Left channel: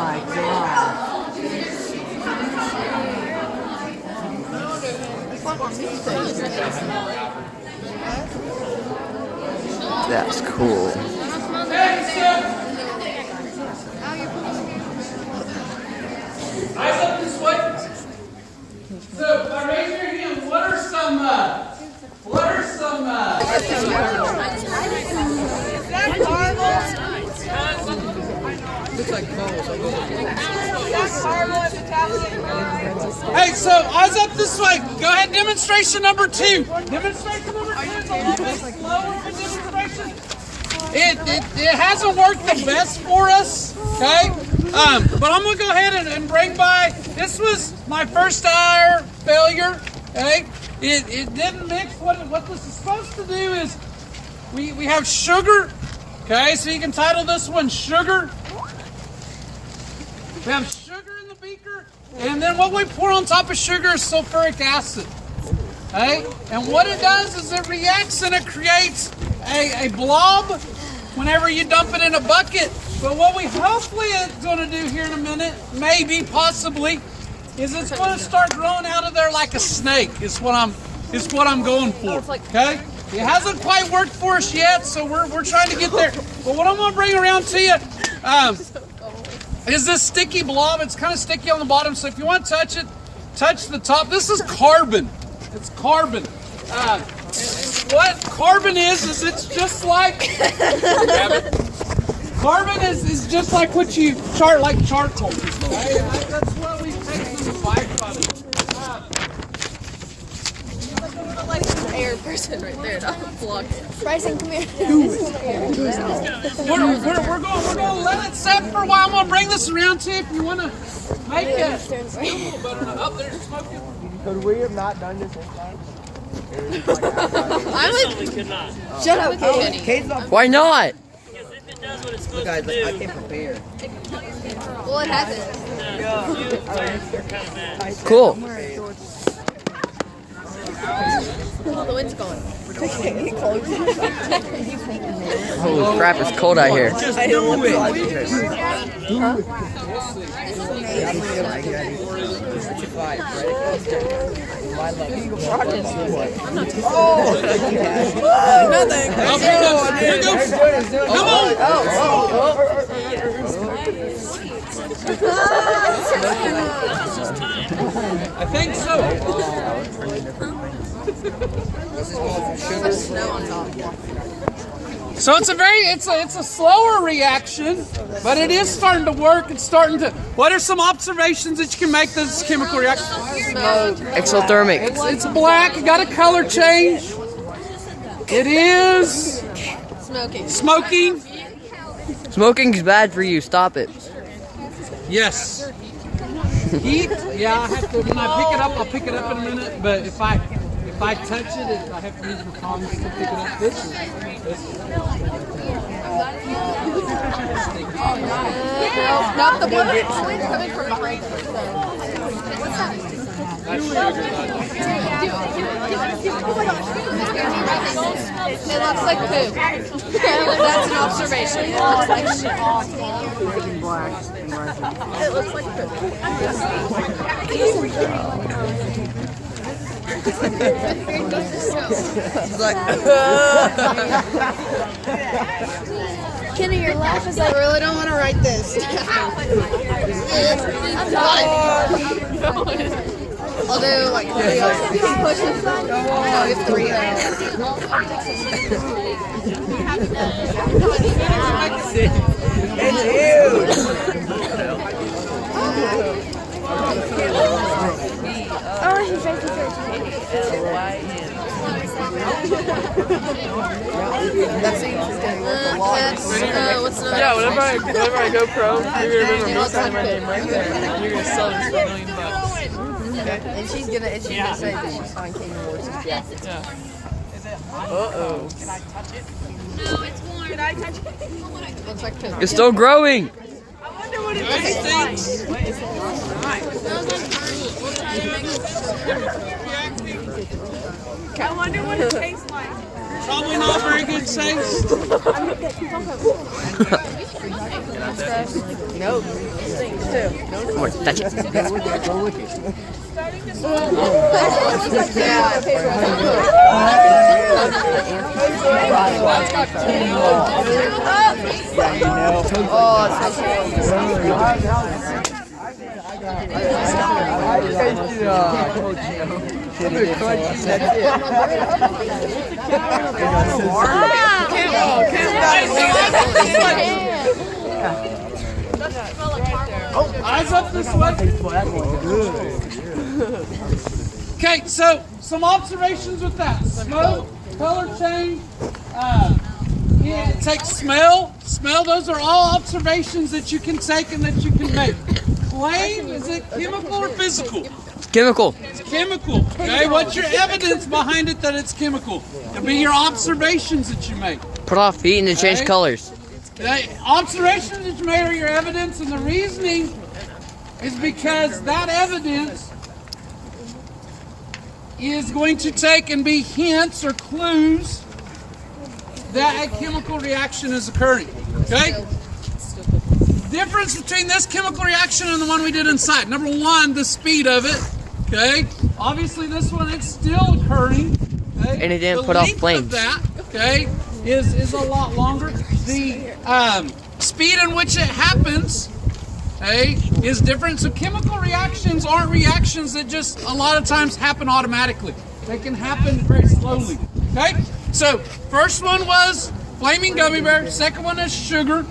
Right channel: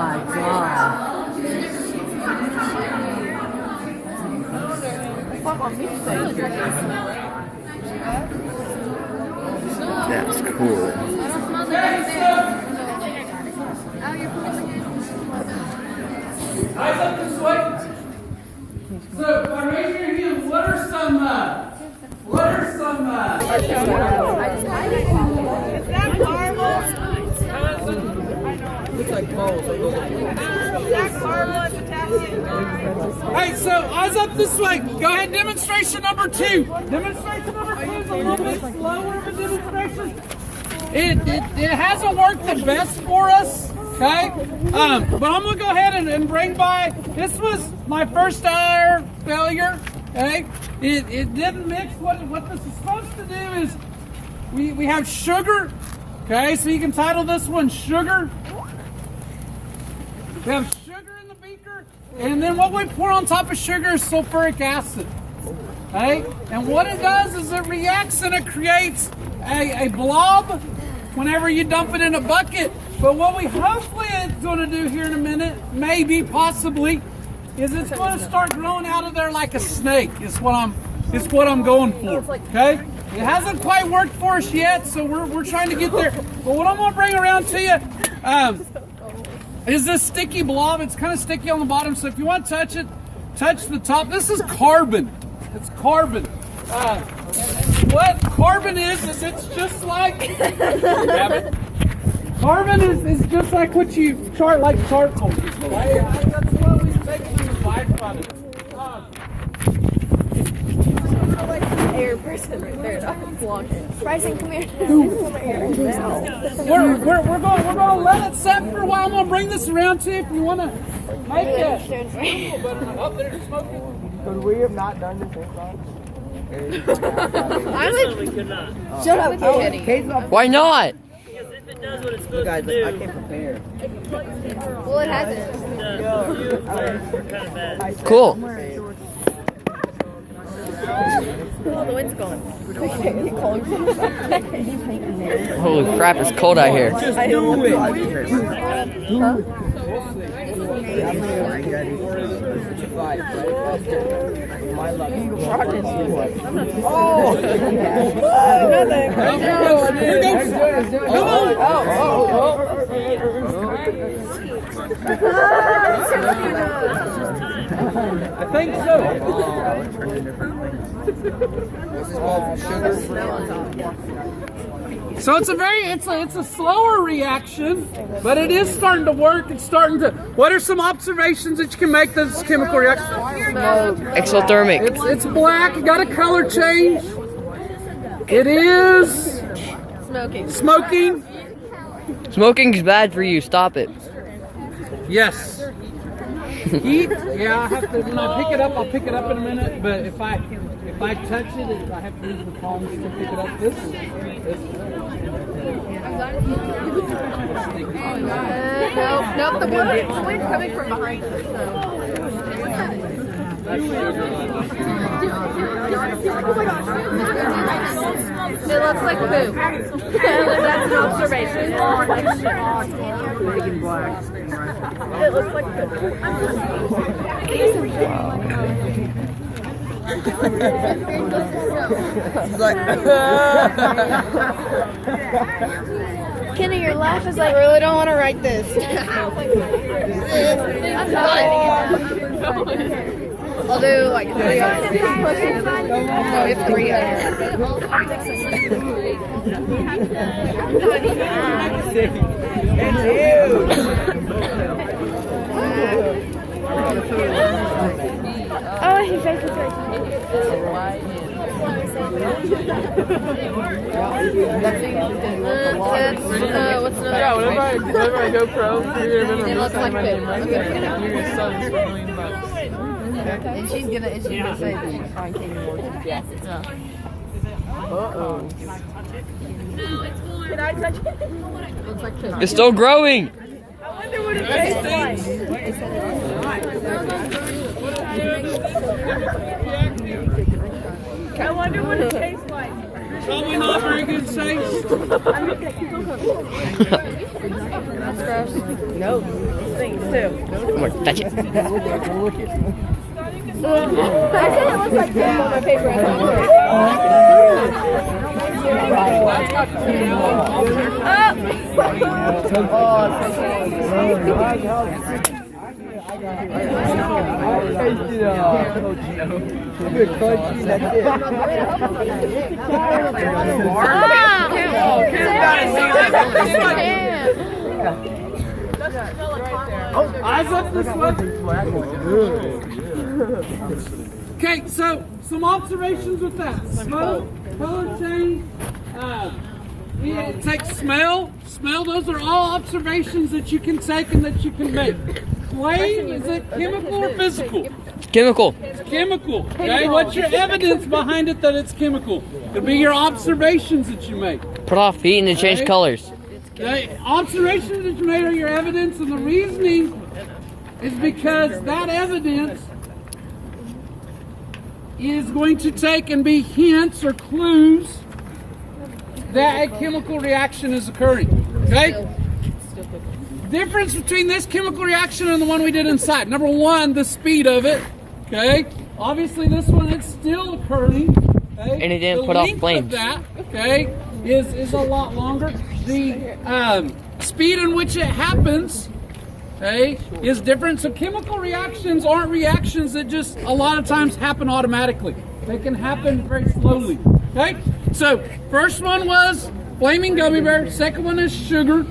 my god. That's cool. Eyes up this way. So, now raise your hand. What are some, Is that marble? Looks like balls. Is that marble and potassium? Hey, so eyes up this way. Go ahead, demonstration number 2. Demonstration number 2 is a little bit slower of a demonstration. It hasn't worked the best for us, okay? But I'm gonna go ahead and bring by, this was my first hour failure, okay? It didn't mix. What this is supposed to do is, we have sugar, okay? So you can title this one Sugar. We have sugar in the beaker, and then what we pour on top of sugar is sulfuric acid. Okay? And what it does is it reacts and it creates a blob whenever you dump it in a bucket. But what we hopefully is going to do here in a minute, maybe, possibly, is it's going to start growing out of there like a snake. Is what I'm going for. Okay? It hasn't quite worked for us yet, so we're trying to get there. But what I'm going to bring around to you is this sticky blob. It's kind of sticky on the bottom, so if you want to touch it, touch the top. This is carbon. It's carbon. And what carbon is it's just like carbon is just like what you chart like charcoal. Right? That's what we take from the byproduct. Like the air person right there, not vlog. Bryson, come here. We're going to let it set for a while. I'm going to bring this around to you if you want to make it. Up there's smoking. Could we have not done this time? I'm like, shut up, Kate. Why not? Because if it does what it's supposed Guys, to do, I can't prepare. Well, it hasn't. Cool. The wind's going. Holy crap, it's cold out here. just do it. I think so. So it's a slower reaction, but it is starting to work. It's starting to. What are some observations that you can make this chemical reaction? Exothermic. It's black. It got a color change. It is smoking. Smoking is bad for you. Stop it. Yes. Heat. Yeah, I have to. When I pick it up, I'll pick it up in a minute. But if I touch it, I have to use my palms to pick it up. No, the wind's coming from behind us, It looks like poop. That's an observation. It looks like shit. It looks like Kenny, your laugh is like, I really don't want to write this. I'll do like 3 pushes. Oh, if 3 Oh, he's very Yeah, whenever I go pro, you're gonna remember me signing my name right there. And you're gonna sell this for $1 million. Okay? And she's gonna say that she's on Katie Moore's jacket. Yeah. Uh-oh. Can I touch it? Looks like poop. It's still growing. I wonder what it tastes like. I wonder what it tastes like. Probably not very good taste. Nope. Things too. Come on, touch it. I said it looks like paper. Eyes up this way. Okay, so some observations with that. Smoke, color change, take smell. Smell, those are all observations that you can take and that you can make. Flame, is it chemical or physical? Chemical. It's chemical. Okay, what's your evidence behind it that it's chemical? It'll be your observations that you make. Put off heat and then change Okay. colors. Okay, observations that you made are your evidence, and the reasoning is because that evidence is going to take and be hints or clues that a chemical reaction is occurring. Okay? Difference between this chemical reaction and the one we did inside. Number one, the speed of it. Okay? Obviously, this one, it's still occurring. Okay? And it didn't The put off length of flames. that, okay, is a lot longer. The speed in which it happens, okay, is different. So chemical reactions aren't reactions that just a lot of times happen automatically. They can happen very slowly. Okay? So first one was flaming gummy bear. Second one is sugar.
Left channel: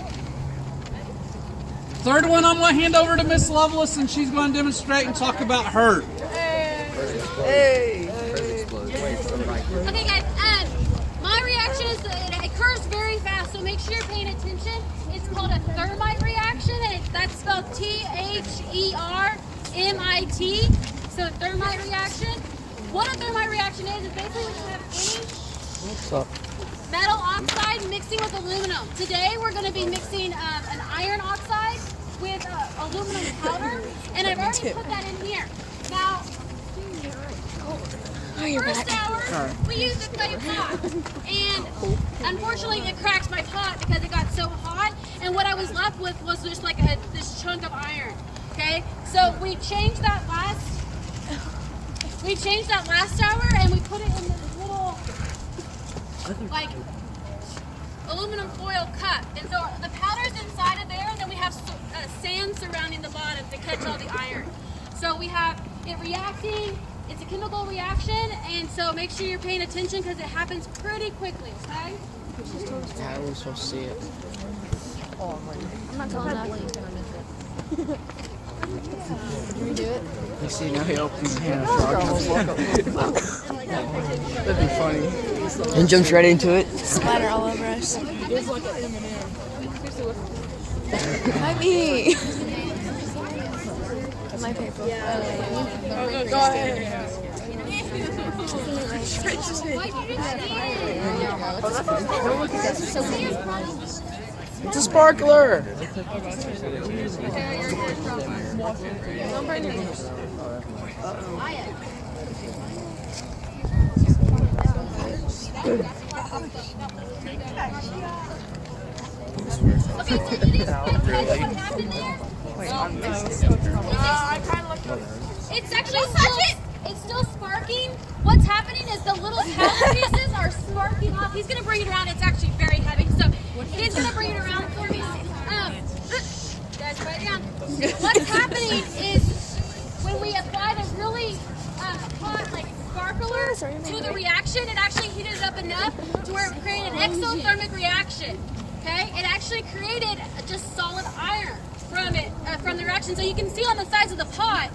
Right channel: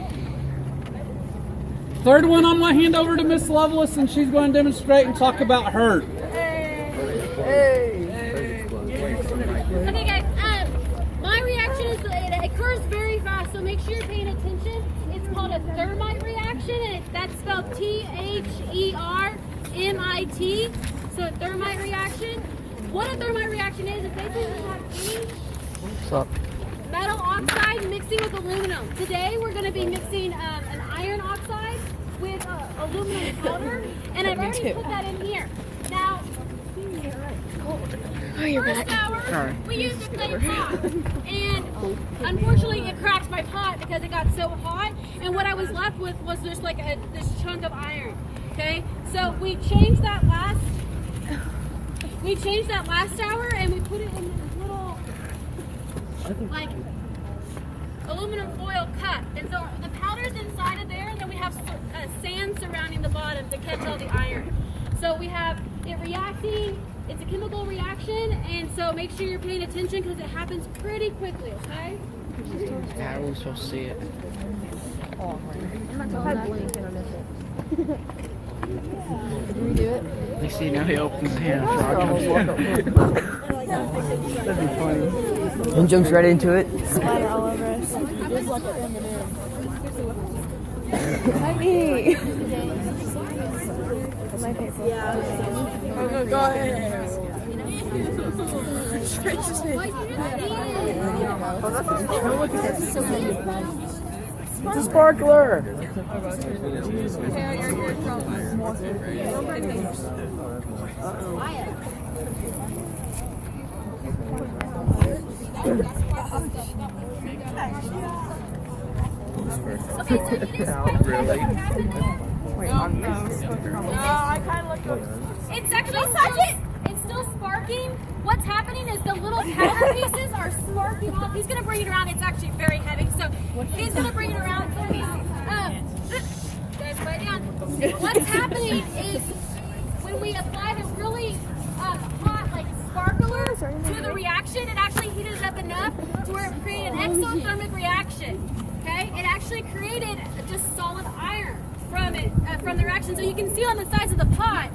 Third one I'm going to hand over to Miss Lovelace, and she's going to demonstrate and talk about her. Okay, guys. My reaction is it occurs very fast, so make sure you're paying attention. It's called a thermite reaction, and that's spelled THERMIT. So a thermite reaction. What a thermite reaction is basically when you have What's up? metal oxide mixing with aluminum. Today we're going to be mixing an iron oxide with aluminum powder, and I've already put that in here. Now, first hour, we used a clay pot, and unfortunately it cracked my pot because it got so hot, and what I was left with was just like this chunk of iron. Okay, so we changed that last hour, and we put it in this little like aluminum foil cup, and so the powder's inside of there, and then we have sand surrounding the bottom to catch all the iron. So we have it reacting. It's a chemical reaction, and so make sure you're paying attention because it happens pretty quickly, okay? Yeah, I was supposed to see it. You see, now he opens his hand and frog comes That'd be funny. And jumps right into it. Splatter all over us. Not me. My paper. Go ahead. It's a sparkler. It's actually it's still sparking. What's happening is the little metal pieces are sparking up. He's gonna bring it around. It's actually very heavy, so he's gonna bring it around for me. Guys, put it down. What's happening is when we apply the really hot like sparkler to the reaction, it actually heated up enough to where it created an exothermic reaction. Okay, it actually created just solid iron from it, from the reaction. So you can see on the sides of the pot,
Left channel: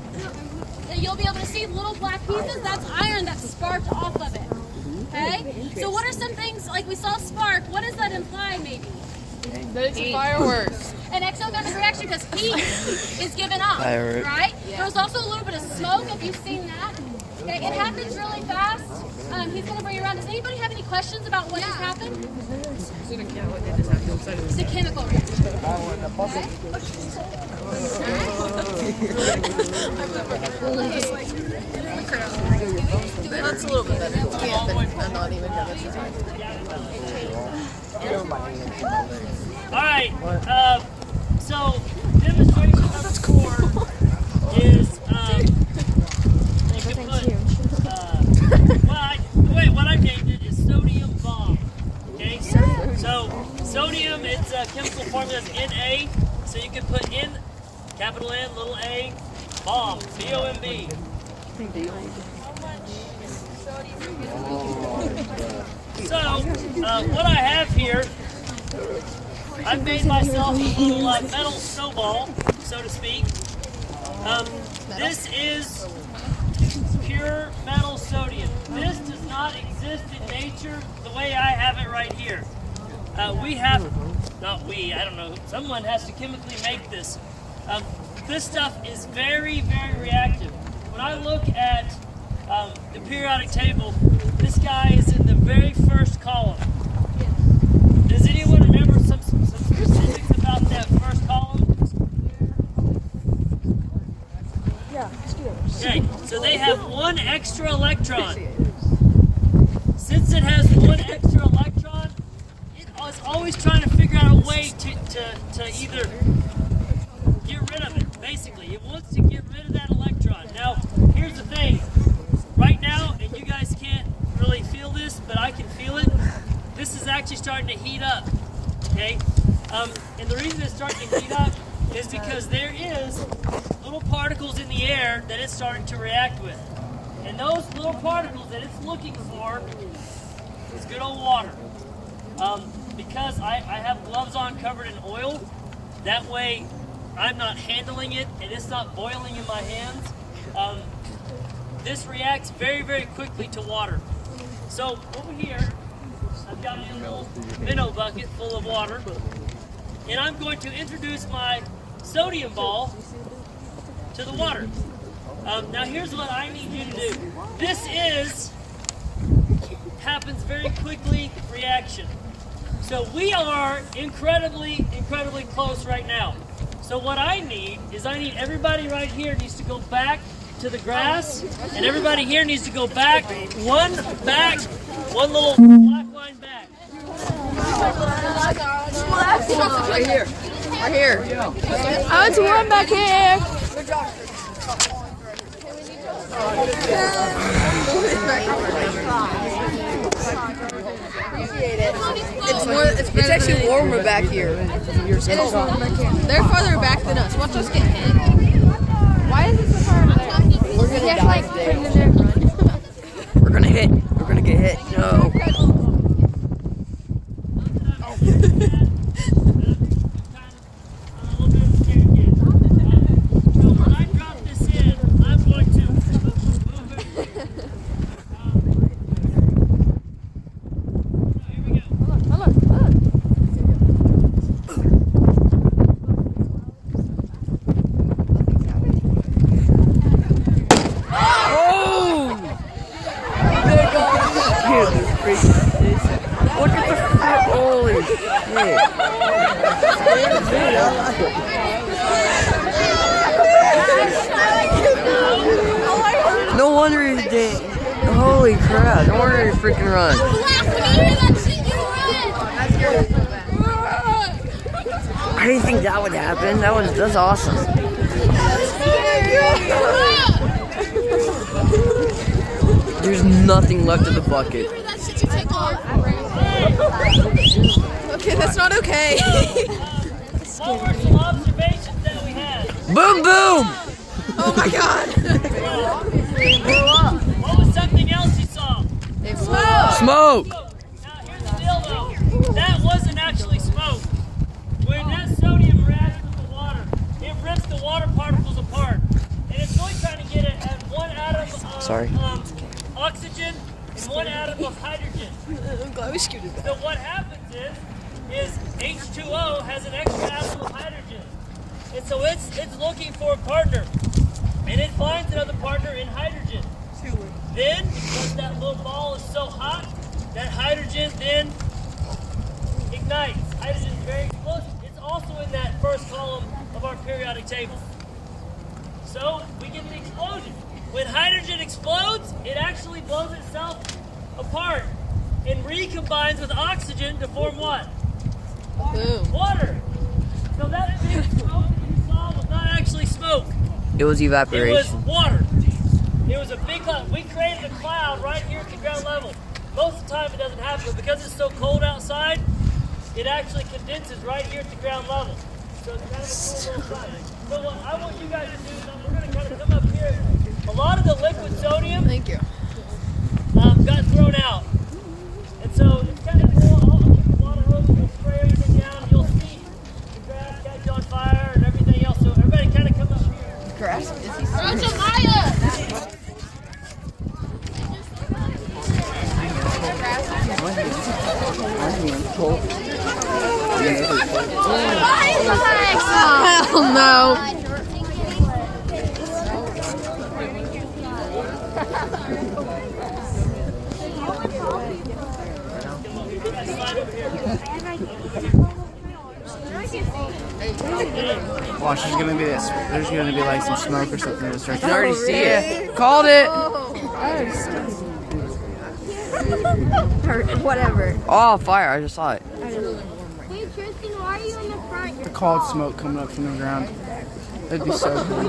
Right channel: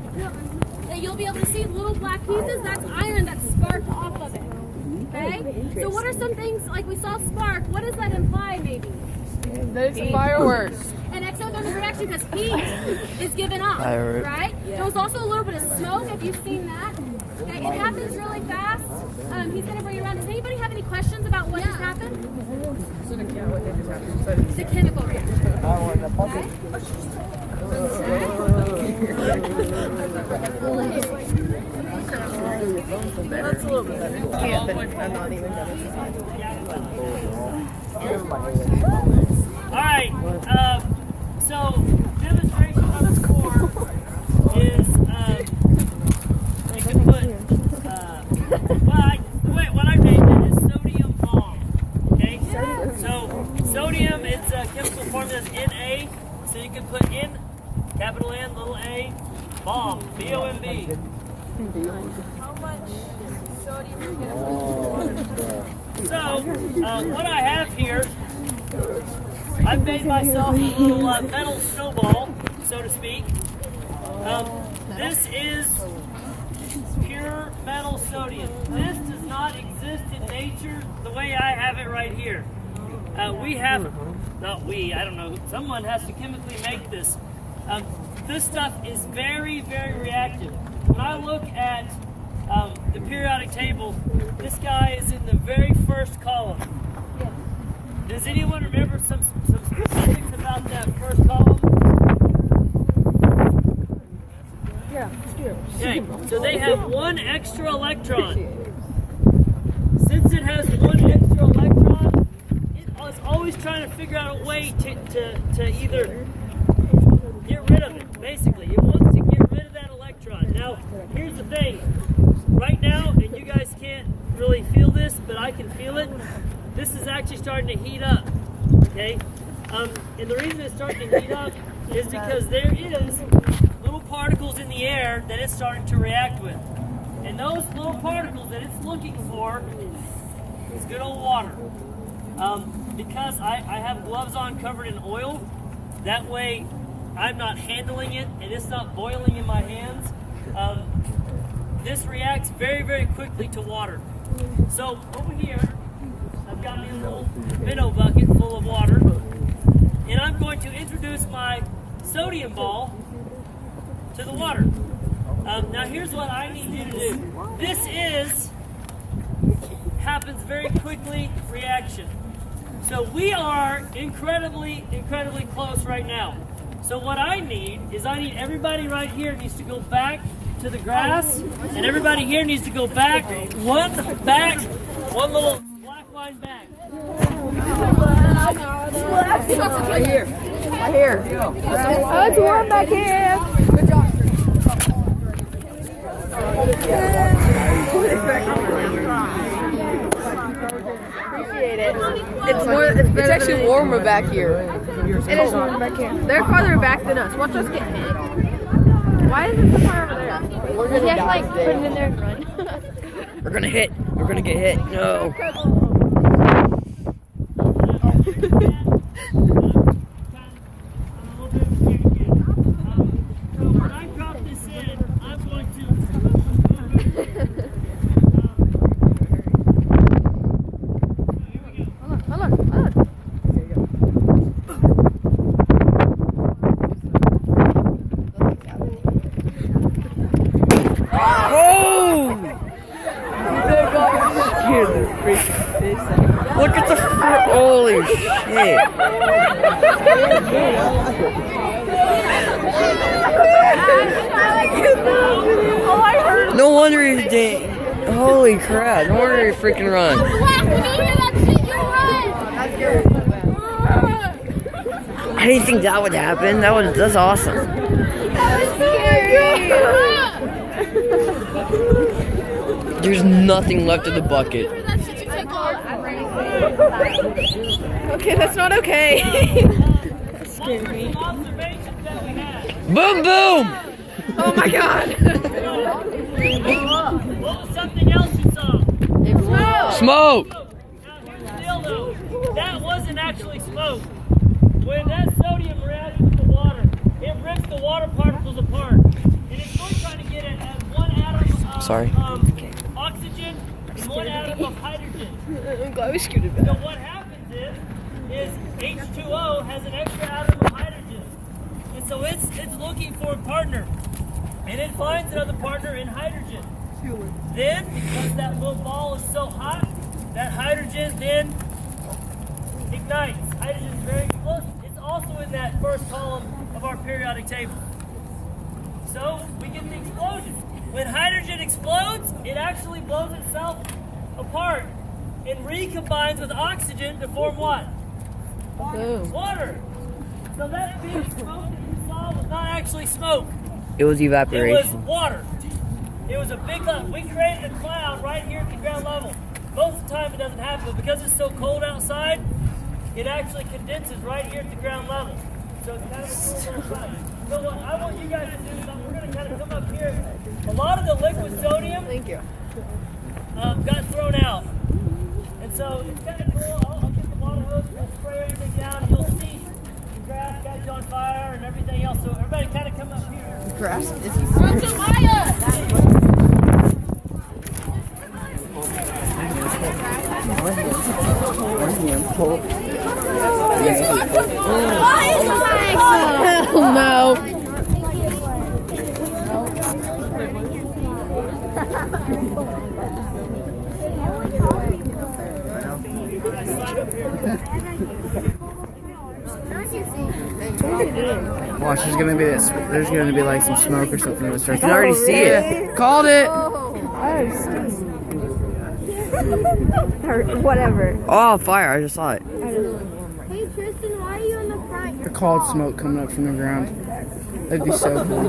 you'll be able to see little black pieces. That's iron that's sparked off of it. Okay, so what are some things, like we saw spark, what does that imply maybe? That it's a fireworks. An exothermic reaction because heat is given off, Firework. right? There's also a little bit of smoke if you've seen that. Okay, it happens really fast. He's going to bring it around. Does anybody have any questions about what just happened? It's a chemical reaction. That's a little bit better. Yeah, but I'm not even gonna. right. So demonstration number 4 is they can put what I named it is sodium bomb. Okay. So sodium, its chemical formula is Na. So you can put in capital N, little a, bomb, B-O-M-B. So, what I have here, I've made myself a little metal snowball, so to speak. This is pure metal sodium. This does not exist in nature the way I have it right here. I don't know, someone has to chemically make this. This stuff is very, very reactive. When I look at the periodic table, this guy is in the very first column. Does anyone remember some specifics about that first column? Yeah, Okay, so they have one extra electron. Since it has one extra electron, it's always trying to figure out a way to either get rid of it, basically. It wants to get rid of that electron. Now, here's the thing. Right now, and you guys can't really feel this, but I can feel it. This is actually starting to heat up, okay? And the reason it's starting to heat up is because there is little particles in the air that it's starting to react with. And those little particles that it's looking for is good old water. Because I have gloves on covered in oil, that way I'm not handling it and it's not boiling in my hands. This reacts very, very quickly to water. So over here, I've got a little minnow bucket full of water, and I'm going to introduce my sodium ball to the water. Now here's what I need you to do. This happens very quickly reaction. So we are incredibly, incredibly close right now. So what I need everybody right here needs to go back to the grass, and everybody here needs to go back, one little black line back. Right here. Oh, it's here, I'm back here. Appreciate it. It's actually warmer back here. It is warmer back here. They're farther back than us. Watch us get hit. Why is it so far over there? We're gonna die today. We're gonna hit. We're gonna get hit. No. When I drop this in, I'm going to here we go. Hold on. Look at the holy shit. No wonder he's dead. Holy crap. No wonder he freaking run. Black, when you hear that shit, you run! I didn't think that would happen. That's awesome. That was scary! There's nothing left of the bucket. That shit you took off. Okay, that's not okay. What were some observations that we had? Boom, boom! Oh my god. What was something else you saw? Smoke! Now here's the deal though. That wasn't actually smoke. When that sodium reacts with the water, it rips the water particles apart. And it's only trying to get it at one atom of oxygen and one atom of hydrogen. I'm glad we scooted So what happens is H2O has an extra atom of hydrogen. And so it's looking for a partner. And it finds another partner in hydrogen. Then, because that little ball is so hot, that hydrogen then ignites. Hydrogen is very explosive. It's also in that first column of our periodic table. So we get the explosion. When hydrogen explodes, it actually blows itself apart and recombines with oxygen to form what? Boom. Water. So that big smoke that you saw was not actually smoke. It was It evaporation. was water. It was a big cloud. We created a cloud right here at the ground level. Most of the time it doesn't happen, but because it's so cold outside, it actually condenses right here at the ground level. So it's kind of a cool little sight. So what I want you guys to do is we're going to kind of come up here. A lot of the liquid sodium Thank you. got thrown out. And so it's kind of cool. I'll get the water hose, we'll spray everything down, and you'll see the grass catch on fire and everything else. So everybody kind of come up here. Grass. Hell no. Watch, there's gonna be like some smoke or something in the start. You already see it. Called it. Or whatever. Oh, fire! I just saw it. Hey Tristan, why are you in the front? The called smoke coming up from the ground. That'd be so cool.